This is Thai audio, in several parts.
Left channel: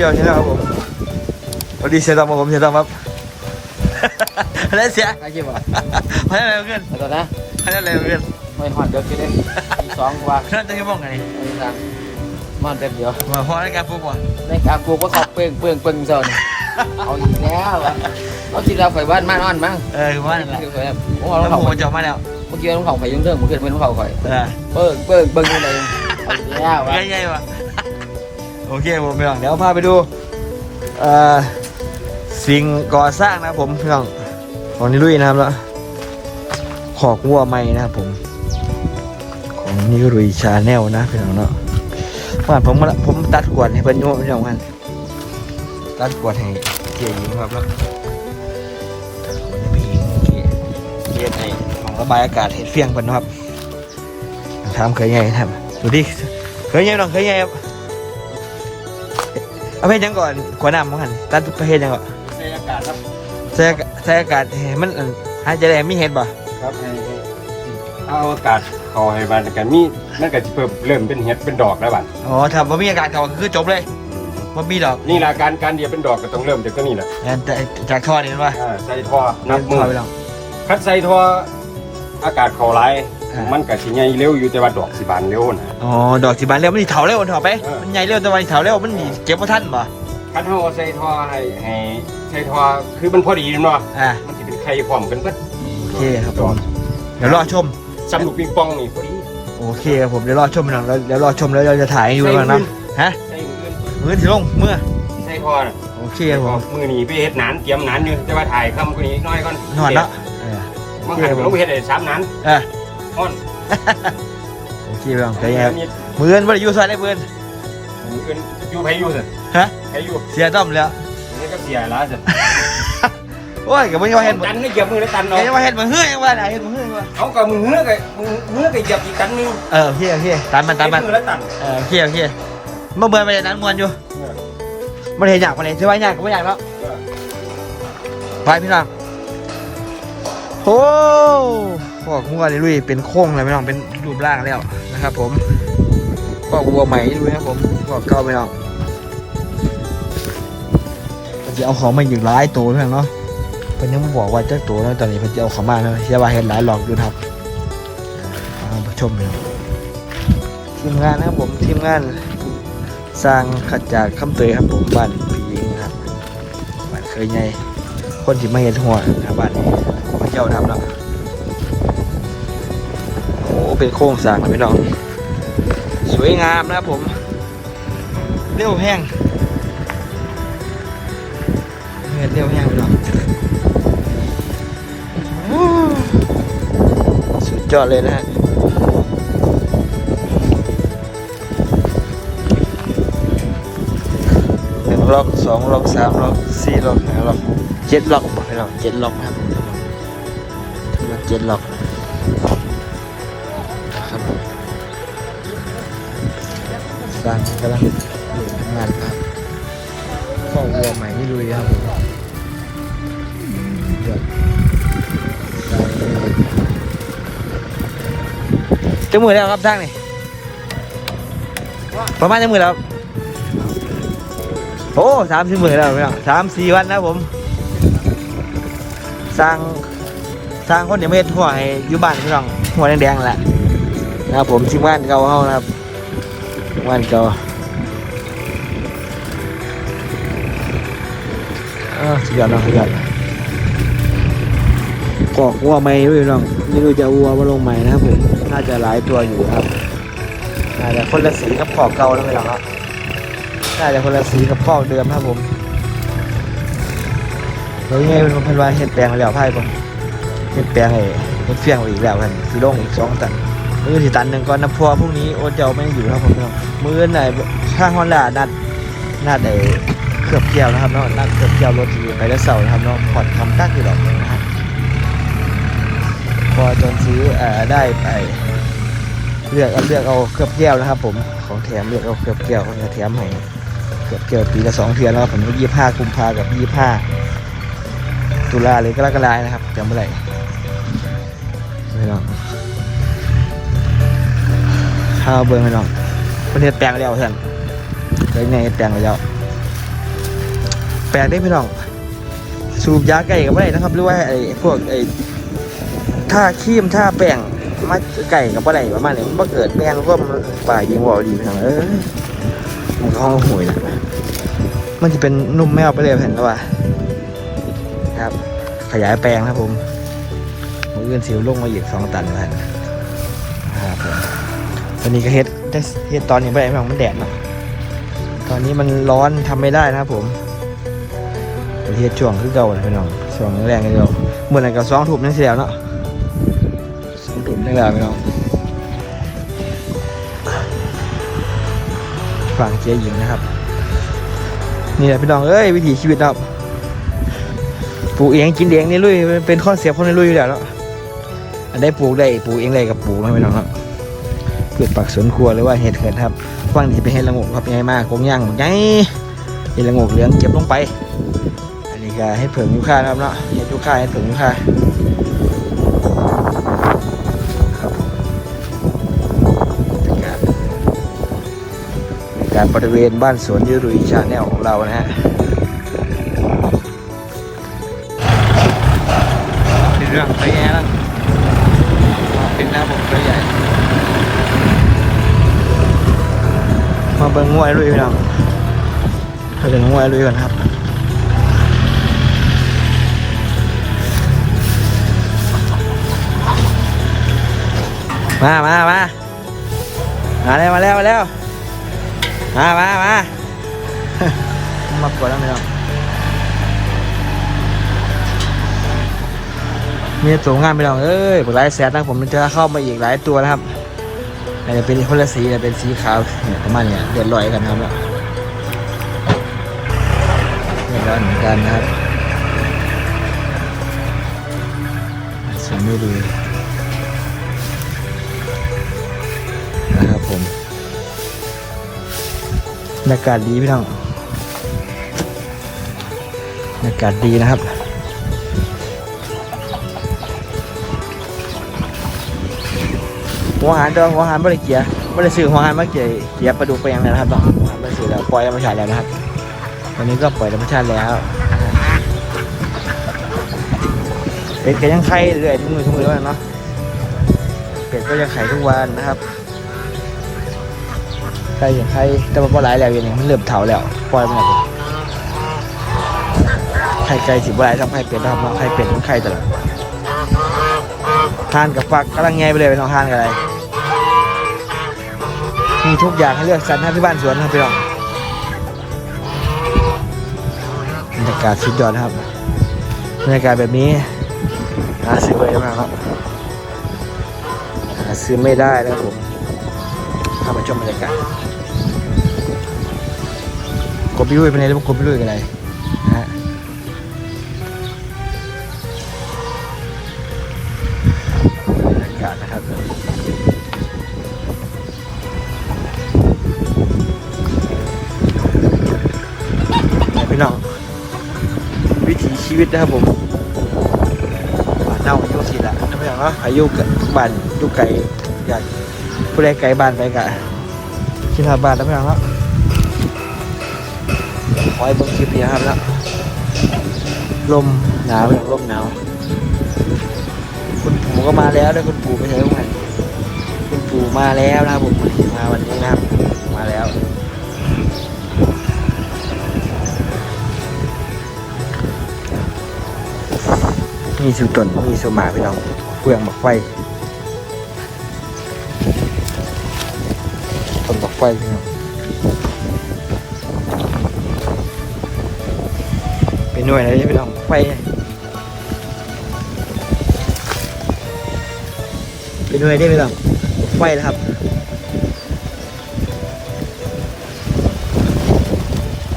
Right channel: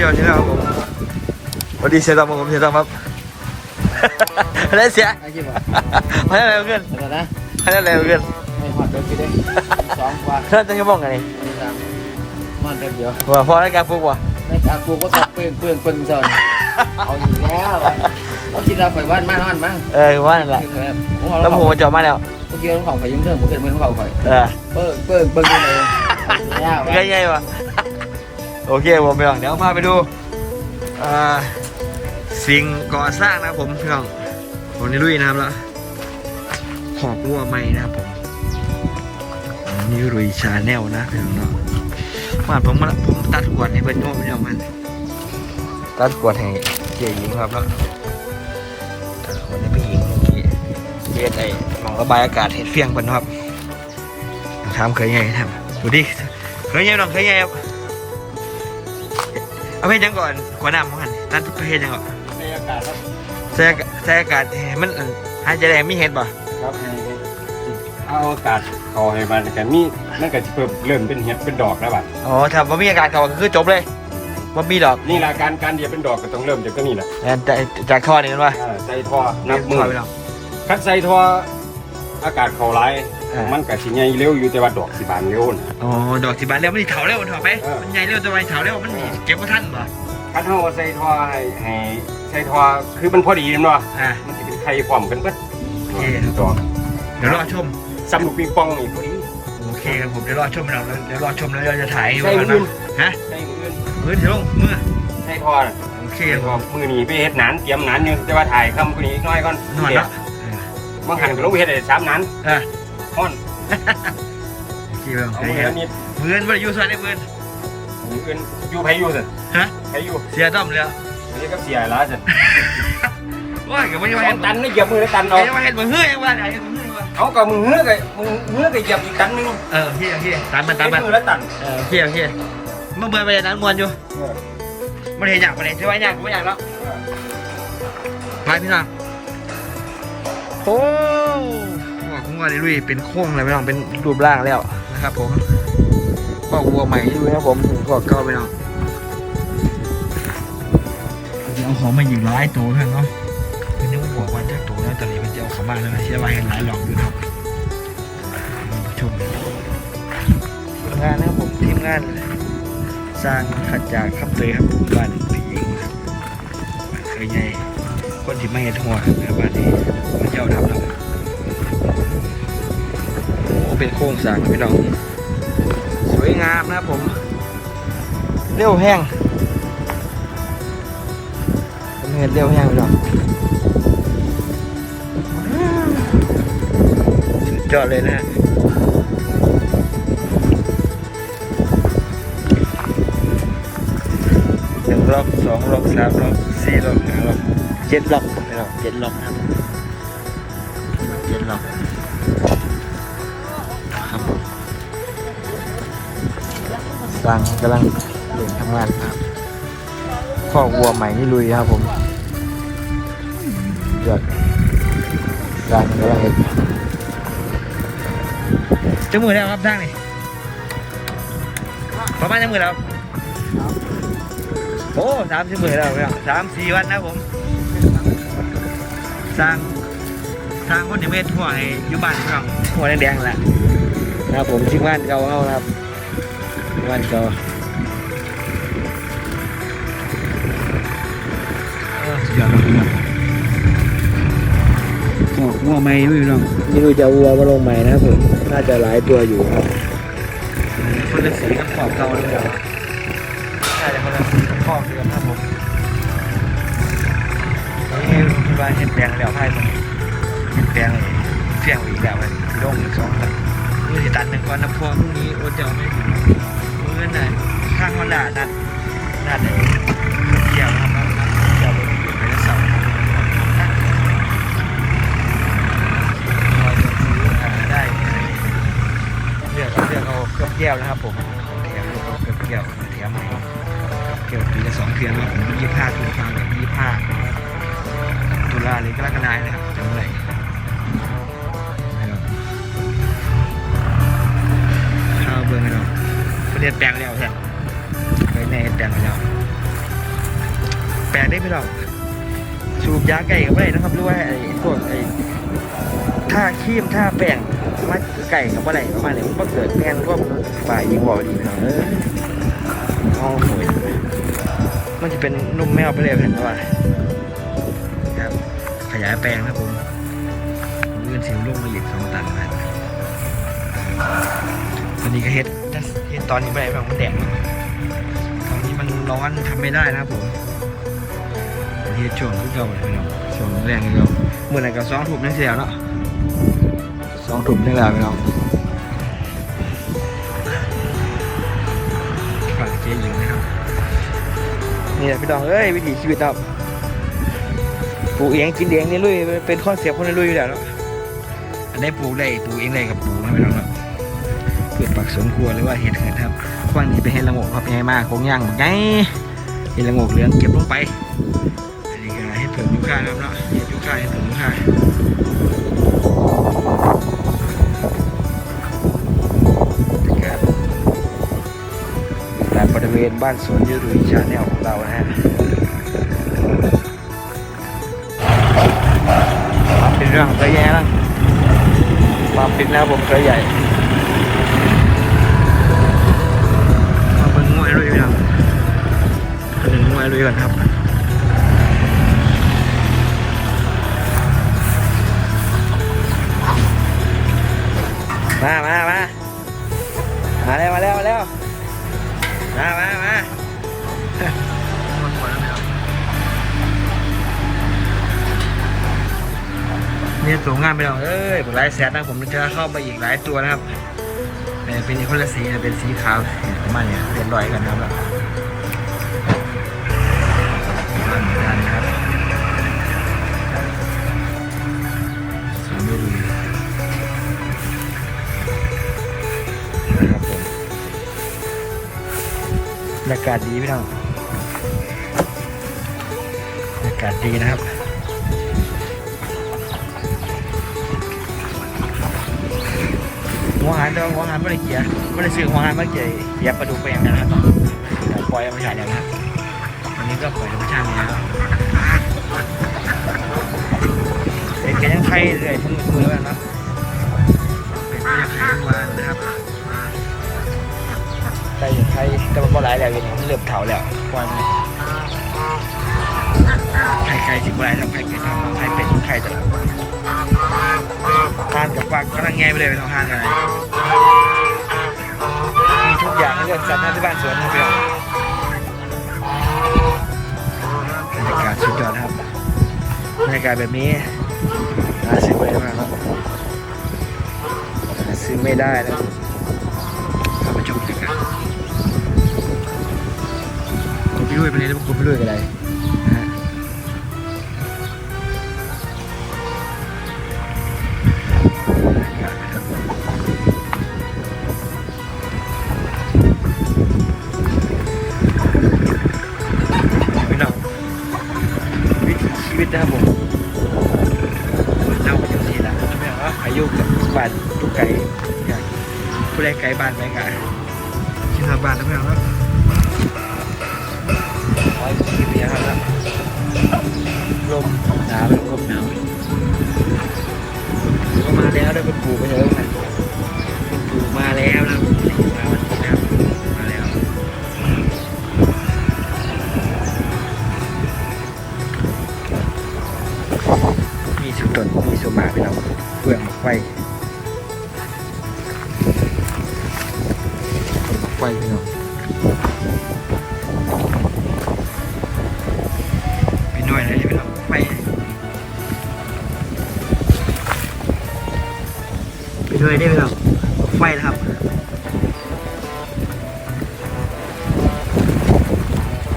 โยนใช่ไหมครับผมสวัสดีเสียตอมครับผมเสียตอมครับอะไรเสียไอ้คิดว่าให้อะไรขึ้นต่นนะให้อะไรขึ้นไม่หอดเด็กกี่เด้สองกว่าเริ่มตั้งชั่วโมงไงนี่ไม่ทางมันเด็กเดียวว่าพอในการปลูกว่ะในกาปลูกก็ขับเปลืองเปลืองเปลืองโซนเอาอีกแล้วเขาคิดเราไฟบ้านมานอนมั้งเออคือว่านแหละคือแบบผมแล้วเอาหมูมาจอดมาแล้วเมื่อกี้ต้องเขาไฟยุ่งเรื่องเมื่อกี้ไม่ต้องเขาไฟเออเปิงเปิงเปิงยังไงเอาอีกแล้วใหญ่ๆว่ะ โอเคผมพี่น้องเดี๋ยวพาไปดูสิ่งก่อสร้างนะผมพี่น้องของนิลุยนะครับแล้วขอกวัวใหม่นะครับผมของนิลุยชาแนลนะพี่น้องเนาะว่าผมมาผมตัดกวดให้เป็นนู่นพี่น้องกันตัดกวดให้เกียร์หญิงครับแล้วตัดกวดให้พี่หญิงเกียร์เกียร์ไอ้มองระบายอากาศเห็ดเฟียงเพิ่นนะครับถามเคยไงท่านดูดิเคยยังน้องเคยยังครับ เอาเพศยังก่อนขวดน้ำมั้งหันตัดเพศยังก่อนในอากาศครับใส่อากาศใส่อากาศให้มันอันหายใจแรงมีเห็ดบ่ครับให้เอาอากาศเขาให้มันกันมีนั่นก็จะเพิ่มเริ่มเป็นเห็ดเป็นดอกแล้วบัดอ๋อถ้าบ่มีอากาศเขาก็คือจบเลยบ่มีดอกนี่ละการการเดียวเป็นดอกก็ต้องเริ่มจากตัวนี้แหละแอนจากจากท่อนี่มันว่าอ่าใส่ท่อนับมือท่ไปลองคัดใส่ท่ออากาศเขาไหลายอ่า มัมันก็สิใหญ่เร็วอยู่แต่ว่าดอกสิบานเร็วนะ อ๋อดอกสิบานเร็วมันสิเถาเร็วเถาไปเออ มันใหญ่เร็วแต่ว่าเถาเร็วมันเก็บบ่ทันบ่คัดเฮาใส่ท่อให้ให้ใส่ท่อคือมันพอดีเนาะอ่า มันสิเป็นไข่พร้อมกันเบิดโอเคครับ ดอกเดี๋ยวรอชมซ้ำลูกปิงปองนี่พอดีโอเคครับผมเดี๋ยวรอชมพี่น้องแล้วเดี๋ยวรอชมแล้วเราจะถ่ายให้ดูใส่กันมืนะอฮะใส่มืออื่นมือถือลงเมื่อใส่ท่อน่ะโอเคใส่ครับผมท่อมือนี้ไปเฮ็ดหนานเตรียมหนานอยู่แต่ว่าถ่ายคำกว่านี้น้อยก่อนนอนแล้วเออ บางหันก็ลงไปเฮ็ดได้สามหนานเออ ฮ้อนโอเคพี่น้องใช่ไงมือเงินบ่ได้อยู่ซอยได้มือเงินมืออื่นอยู่ไผอยู่สิฮะไผอยู่เสียต้อมแล้วอันนี้ก็เสียแล้วสิโอ้ยก็ไม่ว่าเห็นตันไม่เหยียบมือแล้วตันเห็เอานว่าเห็นมือเฮ้ยยังว่าไหนเห็นมือเฮ้ยยังว่าเอากับมือเหือกไอ้มือเหือกไอ้เหยียบอีกตันหนึงเออพี่พี่ตันมันตันมันมือแล้วตันเออพี่พี่เมื่อเบื่อไปนั้นมวนอยู่มันเห็นอยากมันเห็นใช่ไหมอยากไม่อยากแล้วไปพี่น้อง โอ้พวกงัวนี่ลุยเป็นโค้งเลยพี่น้องเป็นรูปร่างแล้วนะครับ ผมพวกวัวใหม่นี่ดูนะครับผมพวกเก่าพี่น้องจะเอาของมาอยู่หลายตัวพี่น้องเนาะเป็นยังบอกว่าเจ้าตัวนะตอนนี้เพิ่นจะเอาเขามาแล้วเสียว่าเห็นหลายหลอกดูนะครับมาผู้ชมเลยทีมงานนะผมทีมงาน สร้างขจากคำเตยครับผมบ้านพี่เองครับบ้านเคยไงคนที่ไมาเห็นหัวครับบ้าน เป็นโค้งสร้างนะพี่น้อง สวยงามนะครับผม เร็วแห้งผมเห็นเร็วแห้งพี่น้องสุดยอดเลยนะฮะหนึ่งล็อกสองล็อกสามล็อกสี่ล็อกห้าล็อกเจ็ดล็อกให้เราเจ็ดล็อกครับเจ็ดล็อก สร้างกำลังเร่งทำงานครับข้อวัวใหม่นี่ลุยครับผมเดือดสร้างกำลังเร่งจะมือแล้วครับสร้างนี่ประมาณจะมือแล้วโอ้สามสิบหมื่นแล้วพี่น้องสามสี่วันนะผมสร้างสร้างคนเดียวไม่เห็นหัวให้อยู่บ้านพี่น้องหัวแดงๆแหละนะครับผมชิงบ้านเก่าเขานะครับ บ้านเก่าอ้าวสุดยอดเนาะสุดยอดกอกวัวใหม่ด้วยพี่น้องนี่คือจะเอาวัวมาลงใหม่นะครับผมน่าจะหลายตัวอยู่ครับน่าจะคนละสีกับขอบเก่าแล้วพี่น้องครับน่าจะคนละสีกับข้อเดิมครับผมแล้วยังไงมันเป็นว่าเห็ดแปลงแล้วไพ่ผมเห็ดแปลงเลยมันเพียงไปอีกแล้วนั่นคือลงอีกสองตัน มือที่ตันหนึ่งก่อนนะพราะวพรุ่งนี้โอเดียวไม่อยู่ครับผมเนาะมือไหนข้างฮอนด้านัดนัดไอ้เครือบเกี่ยวนะครับเนาะนัดเครือบเกี่ยวรถทีไปแล้วเสาร์นะครับเนาะผ่อนทำตั้งอยู่แล้วพอจะซื้ออ่อได้ไอ้เลือกเอาเลือกเอาเครือบเกี่ยวนะครับ ผมของแถมเลือกเอาเครือบเกี่ยวมาแถมให้เกือบเกี่ยวปีละสองเทือนแล้วผมยี่ห้ากุมภากับยี่ห้าตุลาเลยก็แล้วก็ลายนะครับจำเมื่อไห ข้าวเบอร์ไม่ลองประเทศแปลงแล้วเพื่อนเคยไงแปลงไปแล้ว แปลกได้พี่น้อง สูบยาไก่กับไม่ได้นะครับหรือว่าไอ้พวกไอ้ท่าครีมท่าแป้งมาไก่กับว่าไรประมาณนี้มันเกิดแป้งก็มันฝ่ายอยู่วอดีน้องเออห้องหวยมันจะเป็นนุ่มแมวไปเลยเห็นไหมว่าครับ ขยายแปลงครับผมมืออื่นสิวลงมาอีกสองตันแล้วนะครับผม ตอนนี้ก็เฮ็ดได้เฮ็ดตอนนี้ไม่ได้พี่น้องมันแดดนะตอนนี้มันร้อนทำไม่ได้นะครับผมประเทศช่วงคือเก่าเลยพี่น้องช่วงแรงกันเก่าเมื่อไหร่ก็สองถุ่มนั่นเสียเนาะสองถุ่มนั่นแหละพี่น้องฝั่งเสียหญิงนะครับนี่แหละพี่น้องเอ้ยวิถีชีวิตเราปลูกเองกินเองนี่ลุยเป็นข้อเสียคนในลุยอยู่แล้วได้ปลูกได้ปลูกเองได้กับปลูกนะพี่น้องครับ กิดปักสวนครัวหรือว่าเห็ดเขินครับฟังนี้เป็นเห็ดละโงกครับใหญ่มากคงย่างไงเห็ดละโงกเหลืองเก็บลงไป อันนี้ก็ให้เผิงลูกค้าครับเนาะให้ลูกค้าให้เผิงลูกค้าบการบริเวณบ้านสวนยืรุยชาแนลของเรานะฮะมาเป็นเรื่องกระแย่แล้วมาเป็นหน้าผมกระใหญ่ เบิ่งงวยลุยพี่น้องเบิ่งงวยลุยกันครับมามามามาแล้วมาแล้วมาแล้วมามามา มากดแล้วไหมครับมีตัวงานไปลองเอ้ยผมไลฟ์แซดนะผมมันจะเข้ามาอีกหลายตัวนะครับ อาจจะเป็นคนละสีนะเป็นสีขาวเนี่ยประมาณเนี้ยเดือดร้อยกันนะครับแล้วเดือดร้อนเหมือนกันนะครับสมไม่รู้นะครับผมบรรยากาศดีพี่น้องบรรยากาศดีนะครับ หัวหารเดิมหัวหารบริเกียบริสื่อหัวหารมาเกียเกียปลาดุกไปยังนะครับต้องบริสื่อแล้วปล่อยธรรมชาติแล้วนะครับวันนี้ก็ปล่อยธรรมชาติแล้วเป็ดก็ยังไข่เรื่อยทุกมือทุกมือแล้วเนาะเป็ดก็จะไข่ทุกวันนะครับไข่ไข่แต่ว่าก็หลายแล้วยังเริ่มเถาแล้วปล่อยมันไข่ไก่สิบใบทำไข่เป็ดทำน้องไข่เป็ดต้องไข่ตลอด ทานกับปักกำลังแงไปเลยไปน้องทานกับอะไรมีทุกอย่างให้เลือกสรรห้ที่บ้านสวนนี่เพื่อนบรรยากาศสุดยอดนครับบรรยากาศแบบนี้หาซื้อไปได้ครับหาซื้อไม่ได้นะผมเข้ามาชมบรรยากาศกบพี่ลุยเป็นไงแล้วกบพี่ลุยกันอะไวิถีชีวิตนะครับผมเน่าทุกทีละไม่อย่างว่าอายุกิดบ้านอยุไก่อยากผู้ใดไก่บ้านไปกะสิหาบ้านแล้วไม่อย่างว่าขอให้ผมคืนดีนะครับลมหนาวลมหนาว คุณปู่ก็มาแล้วด้วยคุณปู่ไปเถอะมันคุณปู่มาแล้วนะผมคุณปู่มาวันนี้นะมาแล้วมีสุตนมีสมาไปเราเปลืองบอกไฟต้นบอกไฟพี่น้องไปหน่วยอะไรไปทำไฟไป น่วยได้ไหมล่ะไฟนะครับ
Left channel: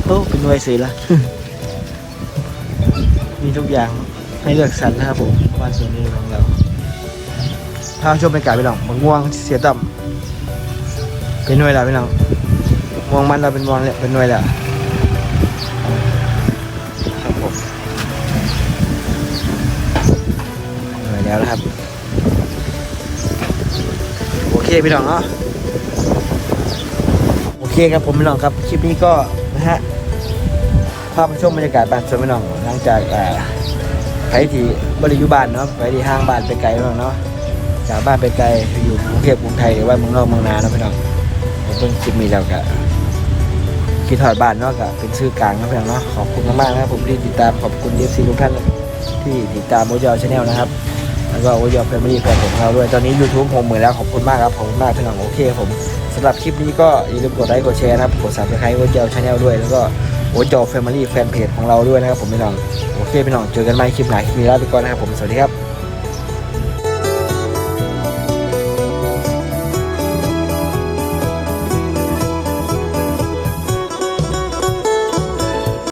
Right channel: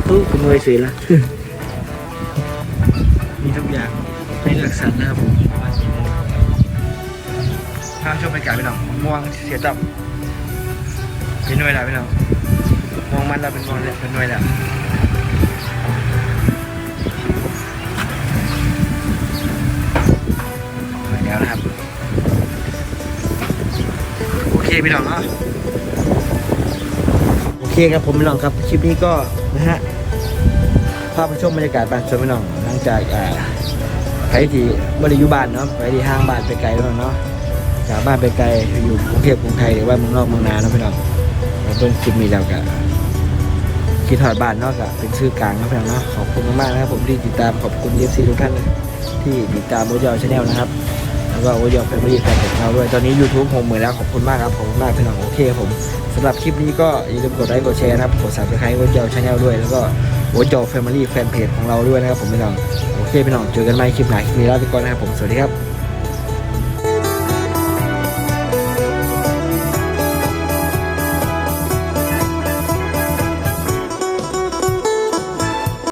ตู้เป็นหน่วยสีละมีทุกอย่างให้เลือกสรรนะครับผมบ้านสวนมูของเราถ้าชมบรรยากาศไปหน่องมะม่วงเสียต่ำเป็นหน่วยแล้วไปหน่องม่วงมันเราเป็นม่วงแล้วเป็นหน่วยแล้วเหนื่อยแล้วนะครับโอ เคพี่น้องเนาะโอเคครับผมพี่น้องครับคลิปนี้ก็นะฮะภาพชมบรรยากาศบ้านสวนพี่น้องหลังจากอ่าใครที่บริยุบานเนาะใครที่ห้างบ้านไปไกลพี่น้องเนาะจากบ้านไปไกลอยู่กรุงเทพกรุงไทยหรือว่าเมืองนอกเมืองนาเนาะพี่น้องเพิ่งคลิปมีแล้วก็คิดถอดบ้านเนาะก็เป็นชื่อกลางนะพี่น้องเนาะขอบคุณมากๆนะครับผมที่ติดตามขอบคุณเอฟซีทุกท่านที่ติดตามโอเยอชาแนลนะครับ แล้วก็โอเยอแฟมิลี่แฟนของเราด้วย ตอนนี้ YouTube ผมเหมือนแล้วขอบคุณมากครับขอบคุณมากพี่น้องโอเคผมสำหรับคลิปนี้ก็อย่าลืมกดไลค์กดแชร์นะครับกด subscribe โอเยอชาแนลด้วย แล้วก็โอจอแฟมิลี่แฟนเพจของเราด้วยนะครับผมพี่น้องโอเคพี่น้องเจอกันใหม่คลิปไหนมีลาไปก่อนนะครับผมสวัสดีครับ